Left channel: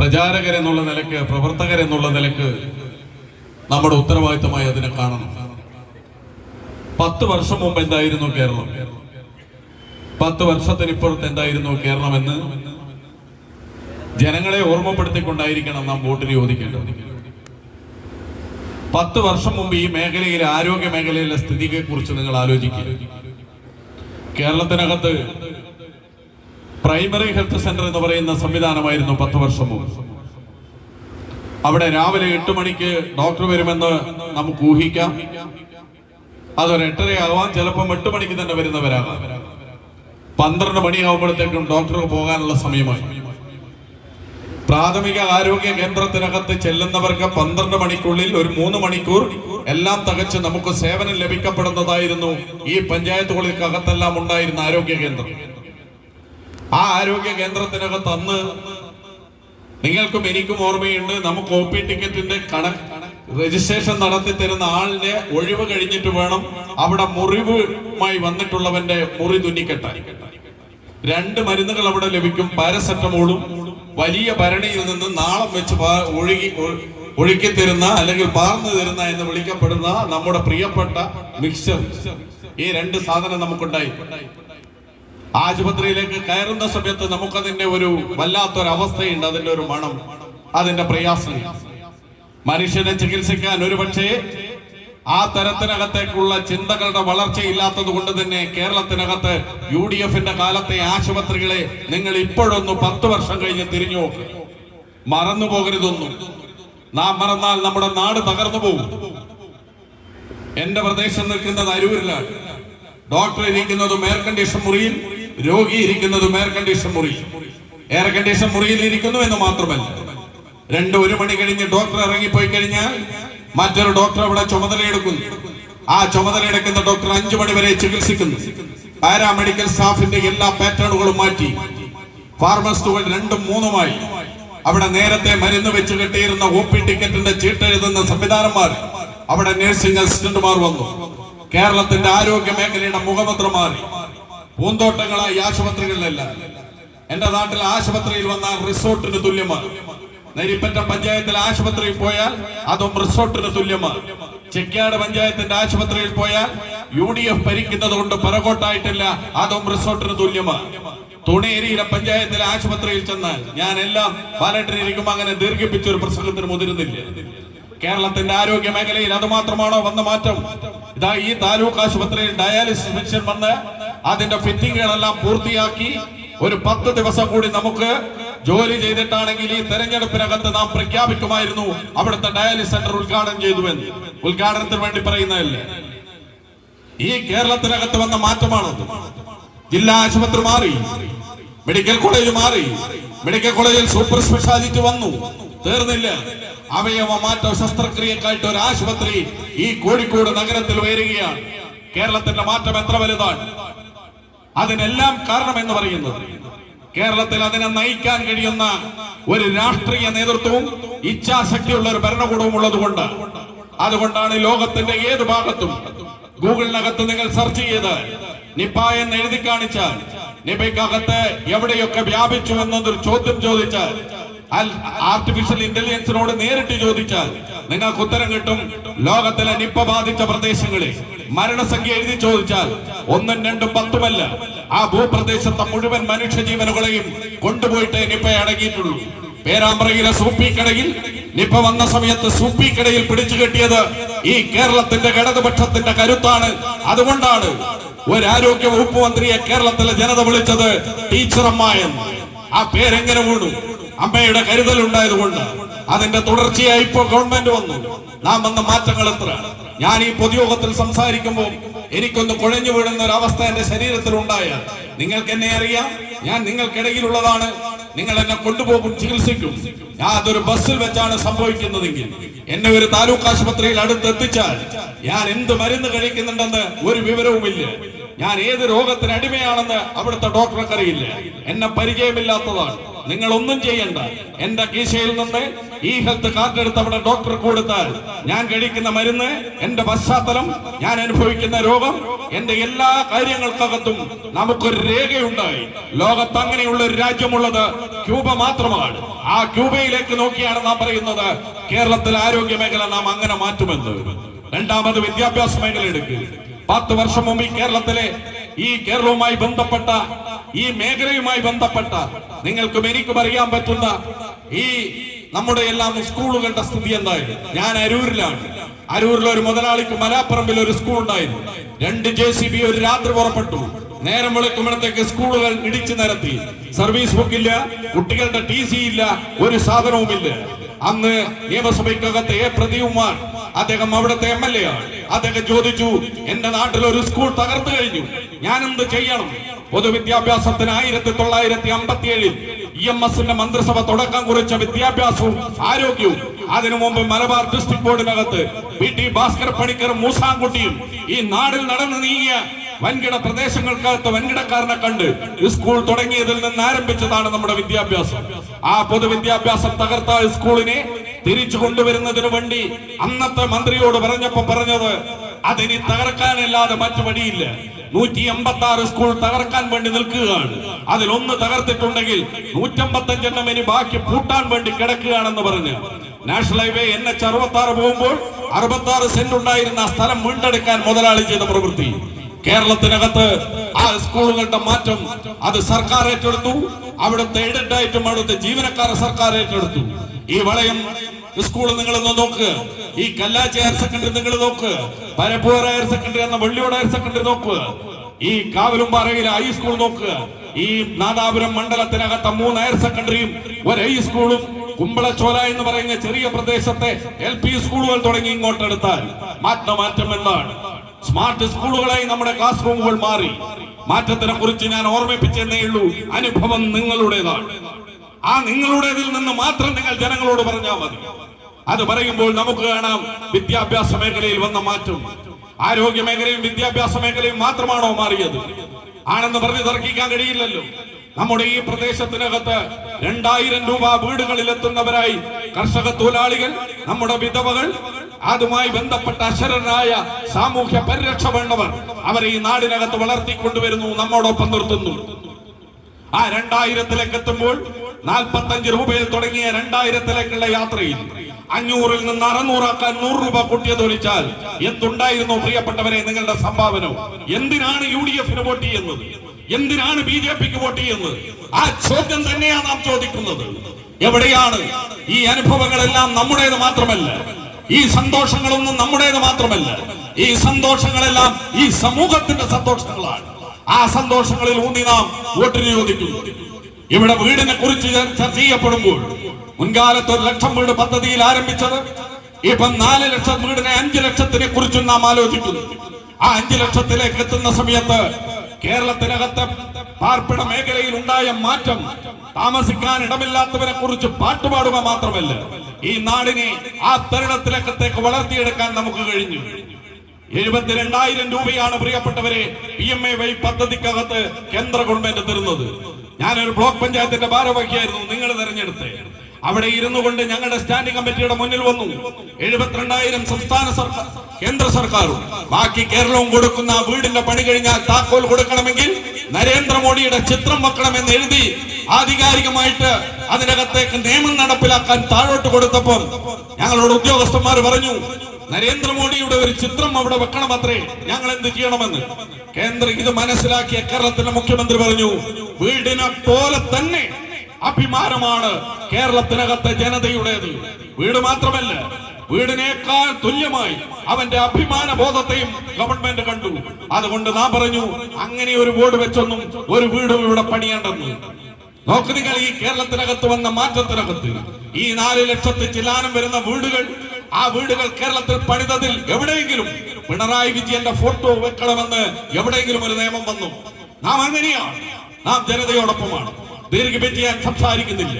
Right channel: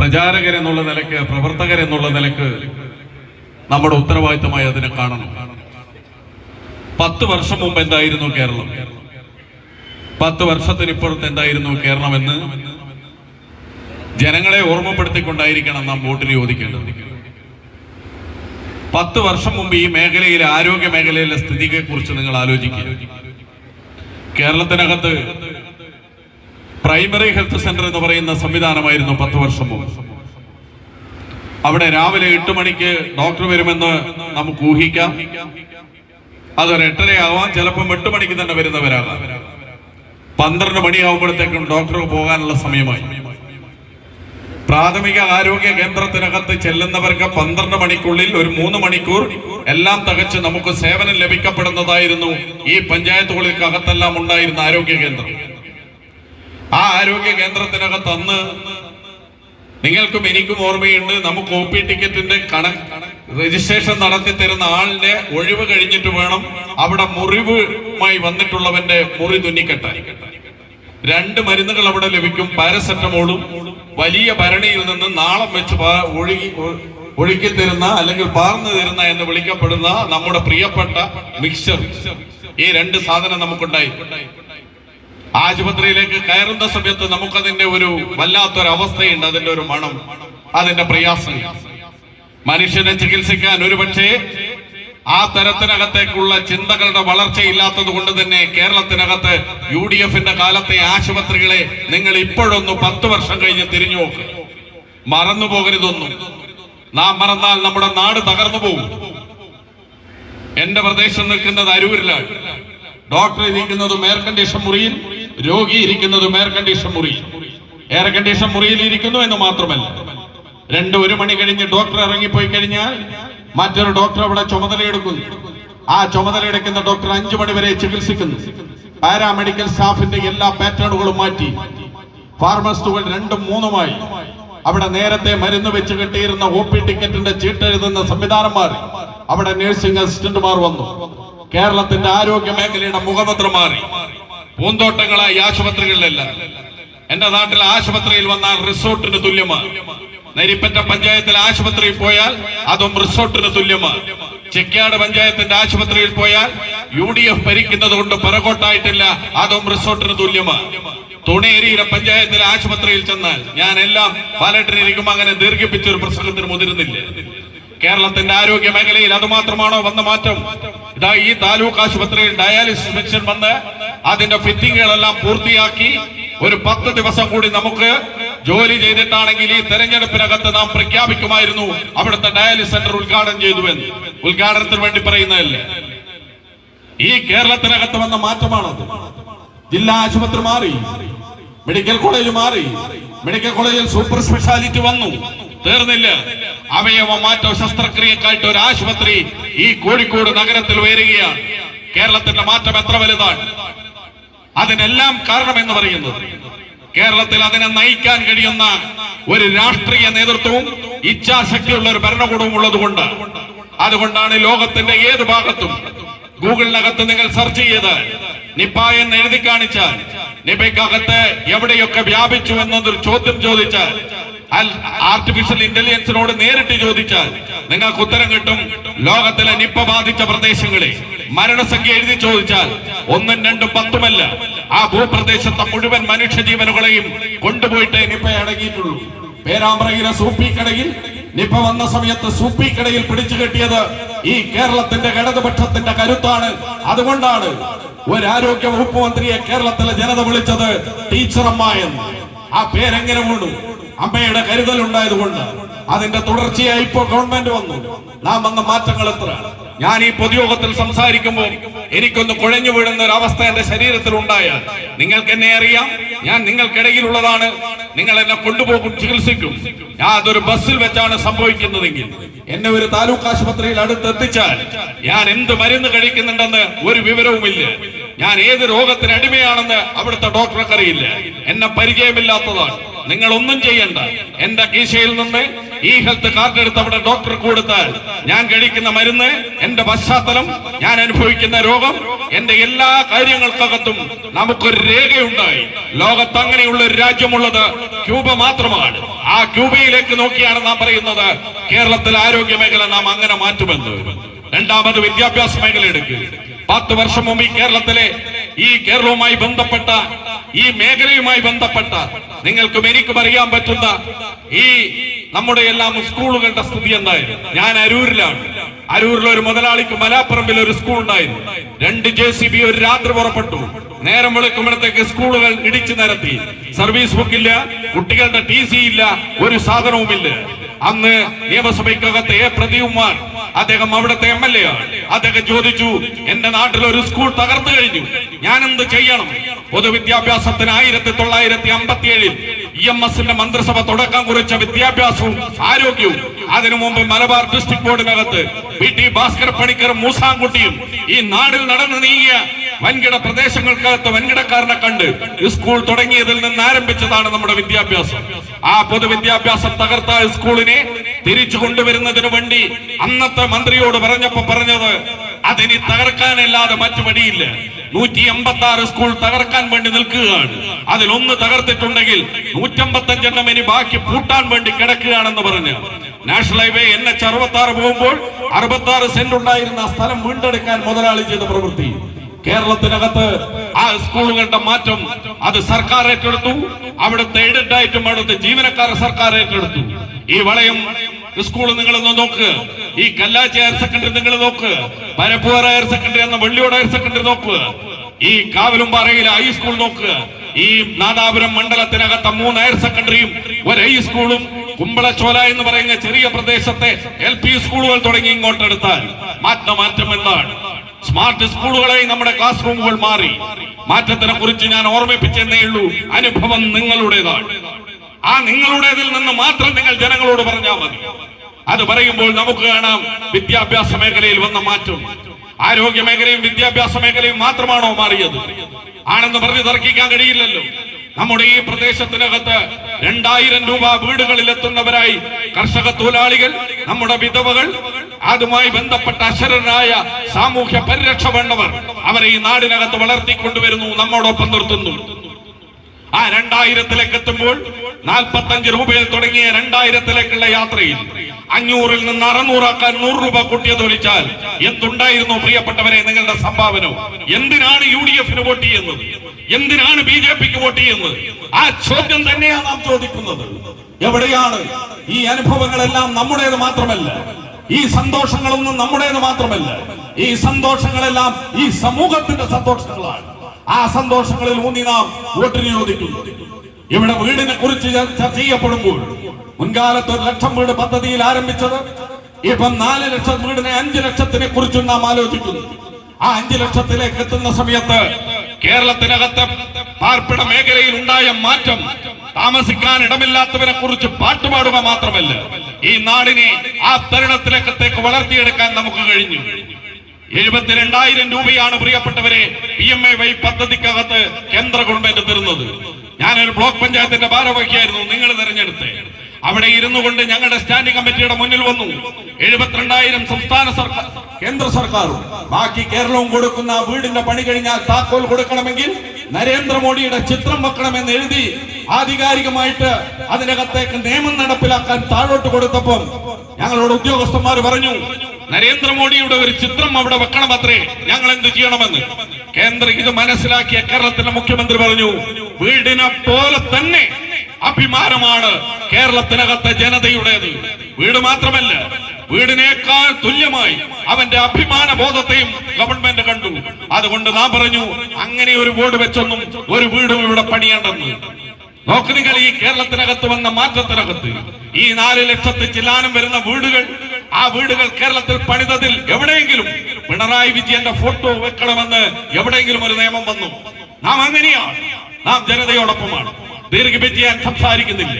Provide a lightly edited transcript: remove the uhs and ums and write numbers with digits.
പ്രചാരകരെന്നുള്ള നിലയ്ക്ക്, പ്രവർത്തകരെന്നുള്ള നിലയ്ക്ക് നമ്മുടെ ഉത്തരവാദിത്തമായി അതിനെ കാണണം. 10 വർഷം മുമ്പ് എന്തായിരുന്നു കേരളം, 10 വർഷത്തിനിപ്പുറത്ത് എന്തായിരുന്നു കേരളമെന്ന് ജനങ്ങളെ ഓർമ്മപ്പെടുത്തിക്കൊണ്ടായിരിക്കണം നാം വോട്ടിന് ചോദിക്കേണ്ടത്. 10 വർഷം മുമ്പ് ഈ മേഖലയിലെ, ആരോഗ്യ മേഖലയിലെ സ്ഥിതിയെ കുറിച്ച് നിങ്ങൾ ആലോചിക്കുക. കേരളത്തിനകത്ത് പ്രൈമറി ഹെൽത്ത് സെന്റർ എന്ന് പറയുന്ന സംവിധാനമായിരുന്നു 10 വർഷം മുമ്പ്. അവിടെ രാവിലെ 8 മണിക്ക് ഡോക്ടർ വരുമെന്ന് നമുക്ക് ഊഹിക്കാം. അതൊരു 8:30 ആവാം, ചിലപ്പോൾ 8 മണിക്ക് തന്നെ വരുന്നവരാകാം. 12 മണിയാവുമ്പോഴത്തേക്കും ഡോക്ടർക്ക് പോകാനുള്ള സമയമായി. പ്രാഥമിക ആരോഗ്യ കേന്ദ്രത്തിനകത്ത് ചെല്ലുന്നവർക്ക് 12 മണിക്കുള്ളിൽ ഒരു 3 മണിക്കൂർ എല്ലാം തികച്ച് നമുക്ക് സേവനം ലഭിക്കപ്പെടുന്നതായിരുന്നു ഈ പഞ്ചായത്തുകൾക്കകത്തെല്ലാം ഉണ്ടായിരുന്ന ആരോഗ്യ കേന്ദ്രം. ആ ആരോഗ്യ കേന്ദ്രത്തിനകത്ത് അന്ന് നിങ്ങൾക്കും എനിക്കും ഓർമ്മയുണ്ട്, നമുക്ക് OP ടിക്കറ്റിന്റെ രജിസ്ട്രേഷൻ നടത്തി തരുന്ന ആളിന്റെ ഒഴിവ് കഴിഞ്ഞിട്ട് വേണം അവിടെ മുറിവുമായി വന്നിട്ടുള്ളവന്റെ മുറി തുന്നിക്കെട്ടാൻ. 2 മരുന്നുകൾ അവിടെ ലഭിക്കും, പാരസെറ്റമോളും വലിയ ഭരണിയിൽ നിന്ന് നാളം വെച്ച് ഒഴുക്കി തരുന്ന അല്ലെങ്കിൽ പാർന്നു തരുന്ന എന്ന് വിളിക്കപ്പെടുന്ന നമ്മുടെ പ്രിയപ്പെട്ട മിക്സർ. ഈ 2 സാധനം നമുക്കുണ്ടായി. ആശുപത്രിയിലേക്ക് കയറുന്ന സമയത്ത് നമുക്കതിന്റെ ഒരു വല്ലാത്തൊരവസ്ഥയുണ്ട്, അതിന്റെ ഒരു മണം, അതിന്റെ പ്രയാസം. മനുഷ്യനെ ചികിത്സിക്കാൻ ഒരുപക്ഷെ ആ തരത്തിനകത്തേക്കുള്ള ചിന്തകളുടെ വളർച്ചയില്ലാത്തത് കൊണ്ട് തന്നെ കേരളത്തിനകത്ത് UDF-ന്റെ കാലത്തെ ആശുപത്രികളെ നിങ്ങൾ ഇപ്പോഴൊന്ന് 10 വർഷം കഴിഞ്ഞ് തിരിഞ്ഞു നോക്ക്. മറന്നു പോകരുതൊന്നും. നാം മറന്നാൽ നമ്മുടെ നാട് തകർന്നു പോകും. എന്റെ പ്രദേശം നിൽക്കുന്നത് അരൂരിലാണ്. ഡോക്ടർ ഇരിക്കുന്നതും എയർ കണ്ടീഷൻ മുറിയിൽ, രോഗി ഇരിക്കുന്നതും എയർ കണ്ടീഷൻ മുറിയിൽ. എയർ കണ്ടീഷൻ മുറിയിൽ ഇരിക്കുന്നു എന്ന് മാത്രമല്ല, 1 മണി കഴിഞ്ഞ് ഡോക്ടർ ഇറങ്ങിപ്പോയി കഴിഞ്ഞാൽ മറ്റൊരു ഡോക്ടർ അവിടെ ചുമതലയെടുക്കുന്നു. ആ ചുമതലയെടുക്കുന്ന ഡോക്ടർ 5 മണി വരെ ചികിത്സിക്കുന്നു. പാരാമെഡിക്കൽ സ്റ്റാഫിന്റെ എല്ലാ പാറ്റേണുകളും മാറ്റി ഫാർമസിസ്റ്റുകൾ 2ഉം 3ഉമായി അവിടെ നേരത്തെ മരുന്ന് വെച്ച് കെട്ടിയിരുന്ന OP ടിക്കറ്റിന്റെ ചീട്ടെഴുതുന്ന സംവിധാനം മാറി. അവിടെ നഴ്സിംഗ് അസിസ്റ്റന്റുമാർ വന്നു. കേരളത്തിന്റെ ആരോഗ്യ മേഖലയുടെ മുഖമുദ്ര മാറി. പൂന്തോട്ടങ്ങളായി ആശുപത്രികളിലെല്ലാം. എന്റെ നാട്ടിൽ ആശുപത്രിയിൽ വന്നാൽ റിസോർട്ടിന് തുല്യമാണ്. നരിപ്പറ്റ പഞ്ചായത്തിലെ ആശുപത്രിയിൽ പോയാൽ അതും റിസോർട്ടിന് തുല്യമാണ്. ചെക്യാട് പഞ്ചായത്തിന്റെ ആശുപത്രിയിൽ പോയാൽ UDF ഭരിക്കുന്നത് കൊണ്ട് പിറകോട്ടായിട്ടില്ല, അതും റിസോർട്ടിന് തുല്യമാണ്. തുണേരിയിലെ പഞ്ചായത്തിലെ ആശുപത്രിയിൽ ചെന്നാൽ, ഞാൻ എല്ലാം പലയിട്ടിരിക്കുമ്പോൾ അങ്ങനെ ദീർഘിപ്പിച്ചൊരു പ്രസംഗത്തിന് മുതിരുന്നില്ല. കേരളത്തിന്റെ ആരോഗ്യ മേഖലയിൽ അത് മാത്രമാണോ വന്ന മാറ്റം? ഇതാ ഈ താലൂക്ക് ആശുപത്രിയിൽ ഡയാലിസിസ് മെഷീൻ വന്ന് അതിന്റെ ഫിറ്റിങ്ങുകളെല്ലാം പൂർത്തിയാക്കി ഒരു 10 ദിവസം കൂടി നമുക്ക് ജോലി ചെയ്തിട്ടാണെങ്കിൽ ഈ തെരഞ്ഞെടുപ്പിനകത്ത് നാം പ്രഖ്യാപിക്കുമായിരുന്നു അവിടുത്തെ ഡയാലിസിസ് സെന്റർ ഉദ്ഘാടനം ചെയ്തുവെന്ന്. ഉദ്ഘാടനത്തിന് വേണ്ടി പറയുന്നതല്ലേ. ഈ കേരളത്തിനകത്ത് വന്ന മാറ്റമാണത്. ജില്ലാ ആശുപത്രി മാറി, മെഡിക്കൽ കോളേജ് മാറി. മെഡിക്കൽ കോളേജിൽ സൂപ്പർ സ്പെഷ്യാലിറ്റി വന്നു. തീർന്നില്ല, അവയവ മാറ്റ ശസ്ത്രക്രിയക്കായിട്ട് ഒരു ആശുപത്രി ഈ കോഴിക്കോട് നഗരത്തിൽ ഉയരുകയാണ്. കേരളത്തിന്റെ മാറ്റം എത്ര വലുതാണ്! അതിനെല്ലാം കാരണം എന്ന് പറയുന്നത് കേരളത്തിൽ അതിനെ നയിക്കാൻ കഴിയുന്ന ഒരു രാഷ്ട്രീയ നേതൃത്വവും ഇച്ഛാശക്തിയുള്ള ഒരു ഭരണകൂടവും ഉള്ളതുകൊണ്ട്. അതുകൊണ്ടാണ് ലോകത്തിന്റെ ഏത് ഭാഗത്തും ഗൂഗിളിനകത്ത് നിങ്ങൾ സെർച്ച് ചെയ്ത് നിപ എന്ന് എഴുതി കാണിച്ചാൽ, നിപയ്ക്കകത്ത് എവിടെയൊക്കെ വ്യാപിച്ചു എന്നൊരു ചോദ്യം ചോദിച്ചാൽ, ആർട്ടിഫിഷ്യൽ ഇന്റലിജൻസിനോട് നേരിട്ട് ചോദിച്ചാൽ നിങ്ങൾക്ക് ഉത്തരം കിട്ടും. ലോകത്തിലെ നിപ ബാധിച്ച പ്രദേശങ്ങളെ മരണസംഖ്യ എഴുതി ചോദിച്ചാൽ 1ഉം 2ഉം 10ഉമല്ല, ആ ഭൂപ്രദേശത്തെ മുഴുവൻ മനുഷ്യജീവനുകളെയും കൊണ്ടുപോയിട്ടേ നിപ അടങ്ങിയിട്ടുള്ളൂ. പേരാമ്പ്രയിലെ സൂപ്പിക്കടയിൽ നിപ വന്ന സമയത്ത് സൂപ്പിക്കടയിൽ പിടിച്ചു കെട്ടിയത് ഈ കേരളത്തിന്റെ ഘടകപക്ഷത്തിന്റെ കരുത്താണ്. അതുകൊണ്ടാണ് ഒരു ആരോഗ്യ വകുപ്പ് മന്ത്രിയെ കേരളത്തിലെ ജനത വിളിച്ചത് ടീച്ചറമ്മ എന്ന്. ആ പേരെങ്ങനെ വീണു? അമ്മയുടെ കരുതൽ ഉണ്ടായതുകൊണ്ട്. അതിന്റെ തുടർച്ചയായി ഇപ്പോൾ ഗവൺമെന്റ് വന്നു. നാം വന്ന മാറ്റങ്ങൾ എത്ര! ഞാൻ ഈ പൊതുയോഗത്തിൽ സംസാരിക്കുമ്പോൾ എനിക്കൊന്ന് കുഴഞ്ഞു വീഴുന്ന ഒരു അവസ്ഥ എന്റെ ശരീരത്തിൽ ഉണ്ടായാൽ, നിങ്ങൾക്ക് എന്നെ അറിയാം, ഞാൻ നിങ്ങൾക്കിടയിലുള്ളതാണ്. നിങ്ങൾ എന്നെ കൊണ്ടുപോകും, ചികിത്സിക്കും. ഞാൻ അതൊരു ബസ്സിൽ വെച്ചാണ് സംഭവിക്കുന്നതെങ്കിൽ എന്നെ ഒരു താലൂക്ക് ആശുപത്രിയിൽ അടുത്തെത്തിച്ചാൽ ഞാൻ എന്ത് മരുന്ന് കഴിക്കുന്നുണ്ടെന്ന് ഒരു വിവരവുമില്ല. ഞാൻ ഏത് രോഗത്തിന് അടിമയാണെന്ന് അവിടുത്തെ ഡോക്ടർക്ക് അറിയില്ല. എന്നെ പരിചയമില്ലാത്തതാണ്. നിങ്ങൾ ഒന്നും ചെയ്യണ്ട. എന്റെ കീശയിൽ നിന്ന് ഈ ഹെൽത്ത് കാർഡ് എടുത്ത് അവിടെ ഡോക്ടർ കൊടുത്താൽ ഞാൻ കഴിക്കുന്ന മരുന്ന്, എന്റെ പശ്ചാത്തലം, ഞാൻ അനുഭവിക്കുന്ന രോഗം, എന്റെ എല്ലാ കാര്യങ്ങൾക്കകത്തും നമുക്കൊരു രേഖയുണ്ടായി. ലോകത്ത് അങ്ങനെയുള്ള ഒരു രാജ്യമുള്ളത് ക്യൂബ മാത്രമാണ്. ആ ക്യൂബയിലേക്ക് നോക്കിയാണ് നാം പറയുന്നത് കേരളത്തിലെ ആരോഗ്യ മേഖല നാം അങ്ങനെ മാറ്റുമെന്ന്. രണ്ടാമത് വിദ്യാഭ്യാസ മേഖല എടുക്കുക. 10 വർഷം മുമ്പ് ഈ കേരളത്തിലെ ഈ കേരളവുമായി ബന്ധപ്പെട്ട ഈ മേഖലയുമായി ബന്ധപ്പെട്ട നിങ്ങൾക്കും എനിക്കും അറിയാൻ പറ്റുന്ന ഈ നമ്മുടെ എല്ലാം സ്കൂളുകളുടെ സ്ഥിതി എന്തായിരുന്നു? ഞാൻ അരൂരിലാണ്. അരൂരിൽ ഒരു മുതലാളിക്ക് മലാപ്പറമ്പിൽ ഒരു സ്കൂൾ ഉണ്ടായിരുന്നു. 2 JCB ഒരു രാത്രി പുറപ്പെട്ടു. നേരം വെളുക്കുമ്പോഴത്തേക്ക് സ്കൂളുകൾ ഇടിച്ചു നിരത്തി. സർവീസ് ബുക്ക് ഇല്ല, കുട്ടികളുടെ TC ഇല്ല, ഒരു സാധനവുമില്ല. അന്ന് നിയമസഭയ്ക്കകത്ത് പ്രദീപ്കുമാർ, അദ്ദേഹം അവിടുത്തെ MLA ആണ്. അദ്ദേഹം ചോദിച്ചു, എന്റെ നാട്ടിൽ ഒരു സ്കൂൾ തകർന്നു കഴിഞ്ഞു, ഞാൻ എന്ത് ചെയ്യണം? പൊതുവിദ്യാഭ്യാസത്തിന് 1957 EMSന്റെ മന്ത്രിസഭ തുടക്കം കുറിച്ച വിദ്യാഭ്യാസവും ആരോഗ്യവും, അതിനു മുമ്പ് മലബാർ ഡിസ്ട്രിക്ട് ബോർഡിനകത്ത് PT ഭാസ്കര പണിക്കറും മൂസാൻകുട്ടിയും ഈ നാടിൽ നടന്നു നീങ്ങിയ വൻകിട പ്രദേശങ്ങൾക്കകത്ത് വൻകിടക്കാരനെ കണ്ട് സ്കൂൾ തുടങ്ങിയതിൽ നിന്ന് ആരംഭിച്ചതാണ് നമ്മുടെ വിദ്യാഭ്യാസം. ആ പൊതുവിദ്യാഭ്യാസം തകർത്ത സ്കൂളിനെ തിരിച്ചു കൊണ്ടുവരുന്നതിന് വേണ്ടി അന്നത്തെ മന്ത്രിയോട് പറഞ്ഞത് അതിന് തകർക്കാനല്ലാതെ മറ്റു വഴിയില്ല. 186 സ്കൂൾ തകർക്കാൻ വേണ്ടി നിൽക്കുകയാണ്. അതിലൊന്ന് തകർത്തിട്ടുണ്ടെങ്കിൽ 155 ഇനി ബാക്കി പൂട്ടാൻ വേണ്ടി കിടക്കുകയാണെന്ന് പറഞ്ഞ് നാഷണൽ ഹൈവേ NH 66 പോകുമ്പോൾ 66 സെന്റ് ഉണ്ടായിരുന്ന സ്ഥലം വീണ്ടെടുക്കാൻ മുതലാളി ചെയ്ത പ്രവൃത്തി. കേരളത്തിനകത്ത് ആ സ്കൂളുകളുടെ മാറ്റം അത് സർക്കാർ ഏറ്റെടുത്തു. അവിടുത്തെ എയ്ഡഡായിട്ടും അവിടുത്തെ ജീവനക്കാർ സർക്കാർ ഏറ്റെടുത്തു. ഈ വളയം സ്കൂൾ നിങ്ങളൊന്ന് നോക്കുക, ഈ കല്ലാച്ചി ഹയർ സെക്കൻഡറി നിങ്ങൾ നോക്കുക, പരപ്പൂർ ഹയർ സെക്കൻഡറി എന്ന വെള്ളിയോട് ഹയർ സെക്കൻഡറി നോക്കുക, ഈ കാവിലുംപാറയിലെ ഹൈസ്കൂൾ നോക്കുക, ഈ നാദാപുരം മണ്ഡലത്തിനകത്ത് 3 ഹയർ സെക്കൻഡറിയും ഒരു ഹൈസ്കൂളും, കുമ്പളച്ചോല എന്ന് പറയുന്ന ചെറിയ പ്രദേശത്തെ LP സ്കൂളുകൾ തുടങ്ങി ഇങ്ങോട്ടെടുത്താൽ മാറ്റം എന്താണ്? സ്മാർട്ട് സ്കൂളുകളായി നമ്മുടെ ക്ലാസ് റൂമുകൾ മാറി. മാറ്റത്തിനെ കുറിച്ച് ഞാൻ ഓർമ്മിപ്പിച്ചെന്നേ ഉള്ളൂ. അനുഭവം നിങ്ങളുടേതാണ്. ആ നിങ്ങളുടേതിൽ നിന്ന് മാത്രം നിങ്ങൾ ജനങ്ങളോട് പറഞ്ഞാൽ മതി. അത് പറയുമ്പോൾ നമുക്ക് കാണാം വിദ്യാഭ്യാസ മേഖലയിൽ വന്ന മാറ്റം. ആരോഗ്യ മേഖലയും വിദ്യാഭ്യാസ മേഖലയും മാത്രമാണോ മാറിയത്? ആണെന്ന് പറഞ്ഞ് തർക്കിക്കാൻ കഴിയില്ലല്ലോ. നമ്മുടെ ഈ പ്രദേശത്തിനകത്ത് 2000 രൂപ വീടുകളിൽ എത്തുന്നവരായി കർഷക തൊഴിലാളികൾ, നമ്മുടെ വിധവകൾ, അതുമായി ബന്ധപ്പെട്ട അശരണരായ സാമൂഹ്യ പരിരക്ഷ വേണ്ടവർ, അവരെ ഈ നാടിനകത്ത് വളർത്തിക്കൊണ്ടുവരുന്നു, നമ്മോടൊപ്പം നിർത്തുന്നു. ആ 2000-ലേക്ക് എത്തുമ്പോൾ 45 രൂപയിൽ തുടങ്ങിയ 2000-ലേക്കുള്ള യാത്രയിൽ 500-ൽ നിന്ന് 600-ആക്കാൻ 100 രൂപ കൂട്ടിയതൊഴിച്ചാൽ എന്തുണ്ടായിരുന്നു പ്രിയപ്പെട്ടവരെ നിങ്ങളുടെ സംഭാവന? എന്തിനാണ് UDF-ന് വോട്ട് ചെയ്യുന്നത്? എന്തിനാണ് BJP-ക്ക് വോട്ട് ചെയ്യുന്നത്? ആ ചോദ്യം തന്നെയാണ് നാം ചോദിക്കുന്നത്. എവിടെയാണ് ഈ അനുഭവങ്ങളെല്ലാം? നമ്മുടേത് മാത്രമല്ല, ഈ സന്തോഷങ്ങളൊന്നും നമ്മുടേത് മാത്രമല്ല, ഈ സന്തോഷങ്ങളെല്ലാം ഈ സമൂഹത്തിന്റെ സന്തോഷങ്ങളാണ്. ആ സന്തോഷങ്ങളിൽ ഊന്നി നാം വോട്ടിന് ചോദിക്കുന്നു. ഇവിടെ വീടിനെ കുറിച്ച് ചർച്ച ചെയ്യപ്പെടുമ്പോൾ മുൻകാലത്ത് 1 ലക്ഷം വീട് പദ്ധതിയിൽ ആരംഭിച്ചത് ഇപ്പം 4 ലക്ഷം വീടിനെ 5 ലക്ഷത്തിനെ കുറിച്ച് നാം ആലോചിക്കുന്നു. ആ 5 ലക്ഷത്തിലേക്ക് എത്തുന്ന സമയത്ത് കേരളത്തിനകത്ത് പാർപ്പിട മേഖലയിൽ ഉണ്ടായ മാറ്റം, താമസിക്കാൻ ഇടമില്ലാത്തവരെ കുറിച്ച് പാട്ടുപാടുക മാത്രമല്ല, ഈ നാടിനെ ആ തരുണത്തിലേക്ക് വളർത്തിയെടുക്കാൻ നമുക്ക് കഴിഞ്ഞു. 72,000 രൂപയാണ് പ്രിയപ്പെട്ടവരെ PMAY പദ്ധതിക്കകത്ത് കേന്ദ്ര ഗവൺമെന്റ് തരുന്നത്. ഞാനൊരു ബ്ലോക്ക് പഞ്ചായത്തിന്റെ ഭാരവാഹിയായിരുന്നു, നിങ്ങൾ തെരഞ്ഞെടുത്ത്. അവിടെ ഇരുന്നു കൊണ്ട് ഞങ്ങളുടെ സ്റ്റാൻഡിംഗ് കമ്മിറ്റിയുടെ മുന്നിൽ വന്നു. 72,000 സംസ്ഥാന സർക്കാർ, കേന്ദ്ര സർക്കാരും ബാക്കി കേരളവും കൊടുക്കുന്ന വീടിന്റെ പണി കഴിഞ്ഞാൽ താക്കോൽ കൊടുക്കണമെങ്കിൽ നരേന്ദ്രമോദിയുടെ ചിത്രം വെക്കണമെന്ന് എഴുതി ആധികാരികമായിട്ട് അതിനകത്തേക്ക് നിയമം നടപ്പിലാക്കാൻ താഴോട്ട് കൊടുത്തപ്പം ഞങ്ങളോട് ഉദ്യോഗസ്ഥന്മാർ പറഞ്ഞു, നരേന്ദ്രമോദിയുടെ ഒരു ചിത്രം അവിടെ വെക്കണമത്രേ, ഞങ്ങൾ എന്ത് ചെയ്യണമെന്ന്. കേന്ദ്രം ഇത് മനസ്സിലാക്കിയ കേരളത്തിന്റെ മുഖ്യമന്ത്രി പറഞ്ഞു, വീടിനെ പോലെ തന്നെ അഭിമാനമാണ് കേരളത്തിനകത്തെ ജനതയുടേത്. വീട് മാത്രമല്ല, വീടിനേക്കാൾ തുല്യമായി അവന്റെ അഭിമാന ബോധത്തെയും ഗവൺമെന്റ് കണ്ടു. അതുകൊണ്ട് നാം പറഞ്ഞു, അങ്ങനെ ഒരു വീട് വെച്ചൊന്നും ഒരു വീടും ഇവിടെ പണിയേണ്ടെന്ന്. നോക്ക് നിങ്ങൾ, ഈ കേരളത്തിനകത്ത് വന്ന മാറ്റത്തിനകത്ത് ഈ 4 ലക്ഷത്തിൽ ചില്ലാനം വരുന്ന വീടുകൾ, ആ വീടുകൾ കേരളത്തിൽ പണിതതിൽ എവിടെയെങ്കിലും പിണറായി വിജയന്റെ ഫോട്ടോ വെക്കണമെന്ന് എവിടെയെങ്കിലും ഒരു നിയമം വന്നു? നാം അങ്ങനെയാണ്, നാം ജനതയോടൊപ്പമാണ്. ദീർഘിപ്പിച്ച് ഞാൻ സംസാരിക്കുന്നില്ല.